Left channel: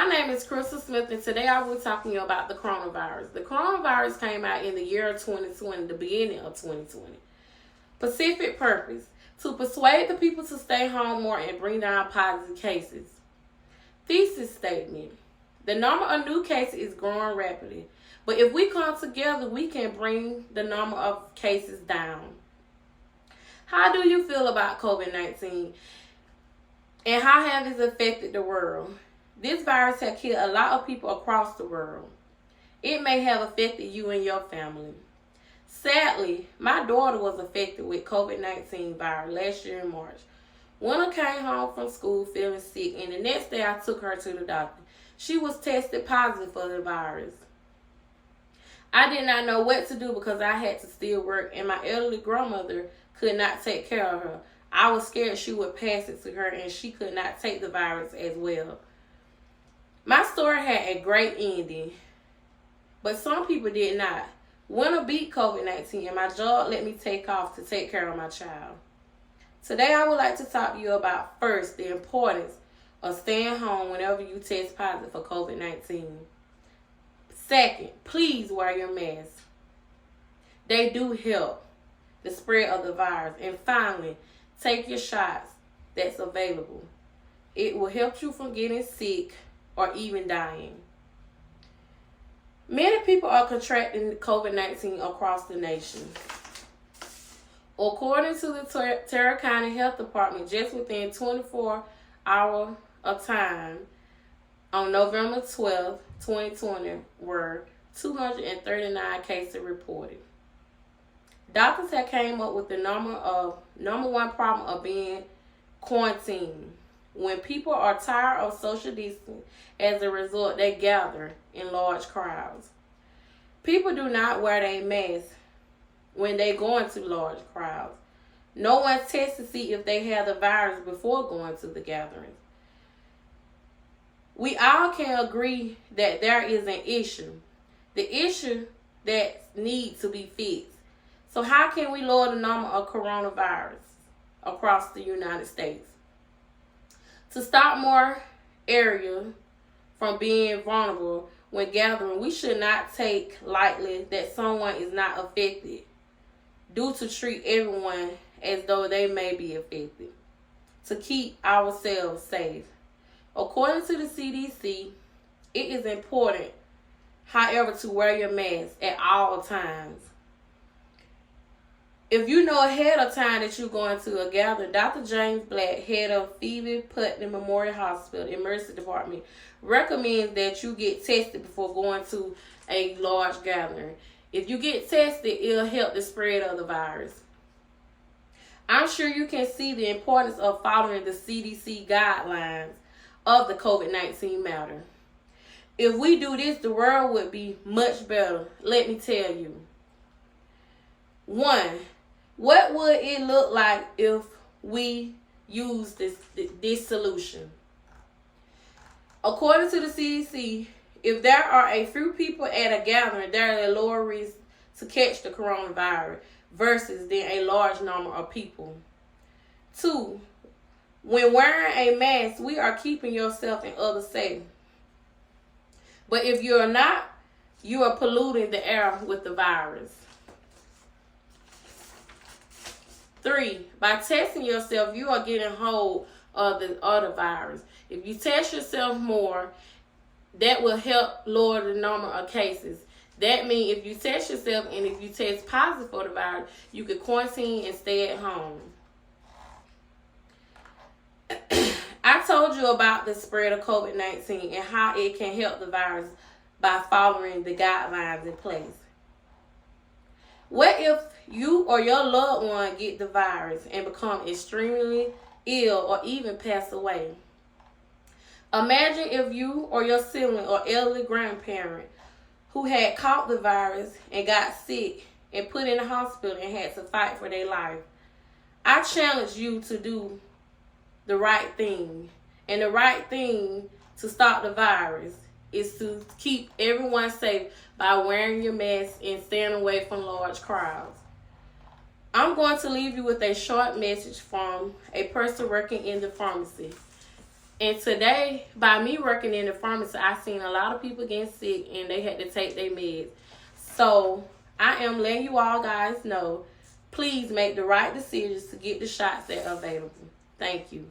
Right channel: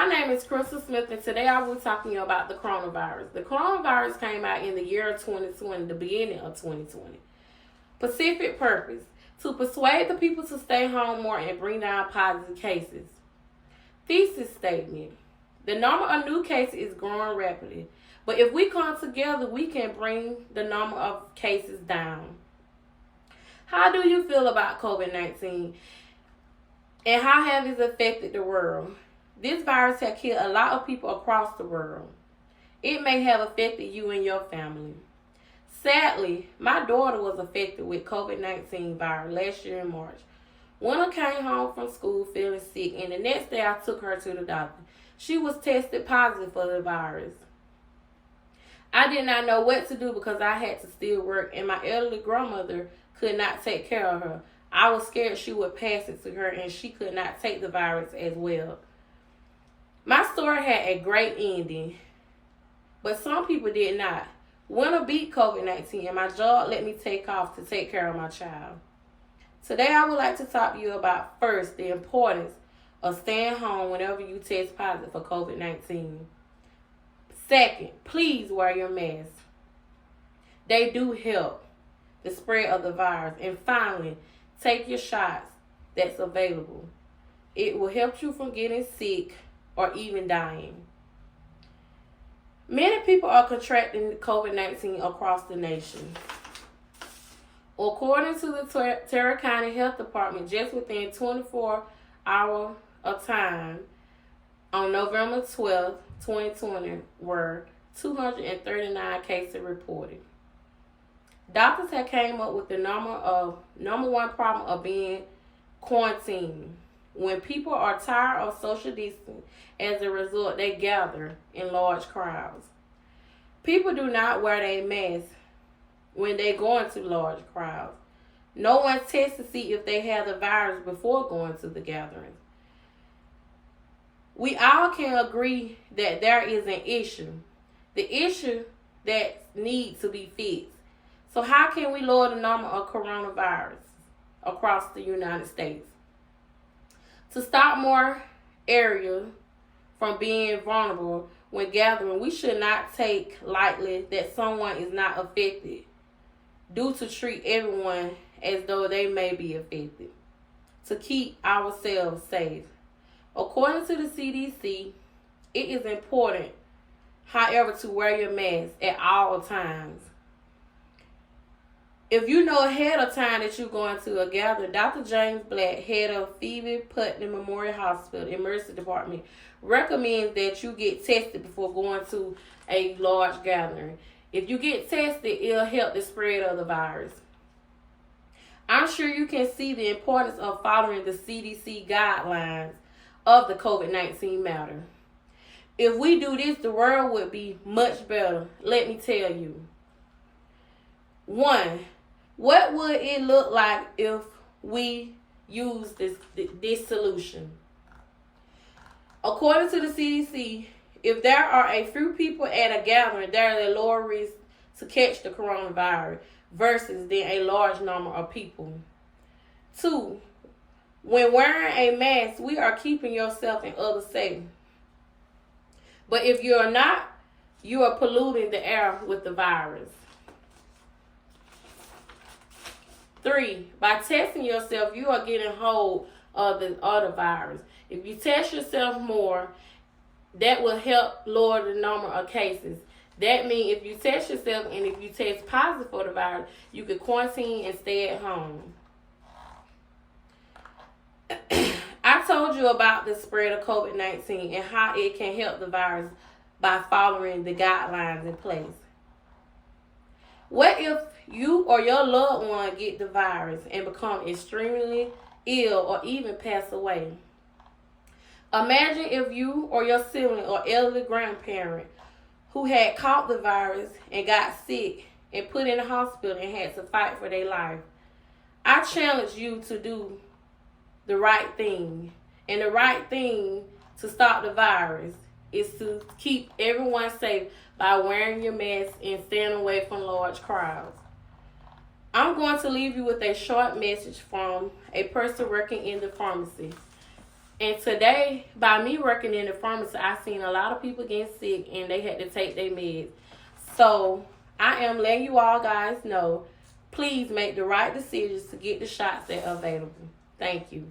My name is Crystal Smith, and today I will be talking to you about the coronavirus. The coronavirus came out in the year of 2020, the beginning of 2020. Specific purpose: to persuade the people to stay home more and bring down positive cases. Thesis statement: the number of new cases is growing rapidly, but if we come together, we can bring the number of cases down. How do you feel about COVID-19 and how has it affected the world? This virus has killed a lot of people across the world. It may have affected you and your family. Sadly, my daughter was affected with COVID-19 virus last year in March. When I came home from school feeling sick, and the next day I took her to the doctor. She was tested positive for the virus. I did not know what to do because I had to still work, and my elderly grandmother could not take care of her. I was scared she would pass it to her, and she could not take the virus as well. My story had a great ending, but some people did not. When I beat COVID-19 and my job let me take off to take care of my child. Today I would like to talk to you about, first, the importance of staying home whenever you test positive for COVID-19. Second, please wear your mask. They do help the spread of the virus. And finally, take your shots that's available. It will help you from getting sick or even dying. Many people are contracting COVID-19 across the nation. According to the Tarrant County Health Department, just within 24 hours of time, on November 12, 2020, were 239 cases reported. Doctors have came up with the number one problem of being quarantined. When people are tired of social distancing, as a result, they gather in large crowds. People do not wear their masks when they go into large crowds. No one tests to see if they have the virus before going to the gatherings. We all can agree that there is an issue. The issue that needs to be fixed. So how can we lower the number of coronavirus across the United States? To stop more area from being vulnerable when gathering, we should not take lightly that someone is not affected, due to treat everyone as though they may be affected, to keep ourselves safe. According to the CDC, it is important, however, to wear your mask at all times. If you know ahead of time that you're going to a gathering, Dr. James Black, head of Phoebe Putnam Memorial Hospital Emergency Department, recommends that you get tested before going to a large gathering. If you get tested, it'll help the spread of the virus. I'm sure you can see the importance of following the CDC guidelines of the COVID-19 matter. If we do this, the world would be much better. Let me tell you. 1. What would it look like if we use this solution? According to the CDC, if there are a few people at a gathering, there is a lower risk to catch the coronavirus versus then a large number of people. 2. When wearing a mask, we are keeping yourself and others safe. But if you're not, you are polluting the air with the virus. 3, by testing yourself, you are getting hold of the other virus. If you test yourself more, that will help lower the number of cases. That means if you test yourself and if you test positive for the virus, you can quarantine and stay at home. I told you about the spread of COVID-19 and how it can help the virus by following the guidelines in place. What if you or your loved one get the virus and become extremely ill or even pass away? Imagine if you or your sibling or elderly grandparent who had caught the virus and got sick and put in the hospital and had to fight for their life. I challenge you to do the right thing. And the right thing to stop the virus is to keep everyone safe by wearing your mask and staying away from large crowds. I'm going to leave you with a short message from a person working in the pharmacy. And today, by me working in the pharmacy, I seen a lot of people getting sick and they had to take their meds. So I am letting you all guys know, please make the right decisions to get the shots that are available. Thank you.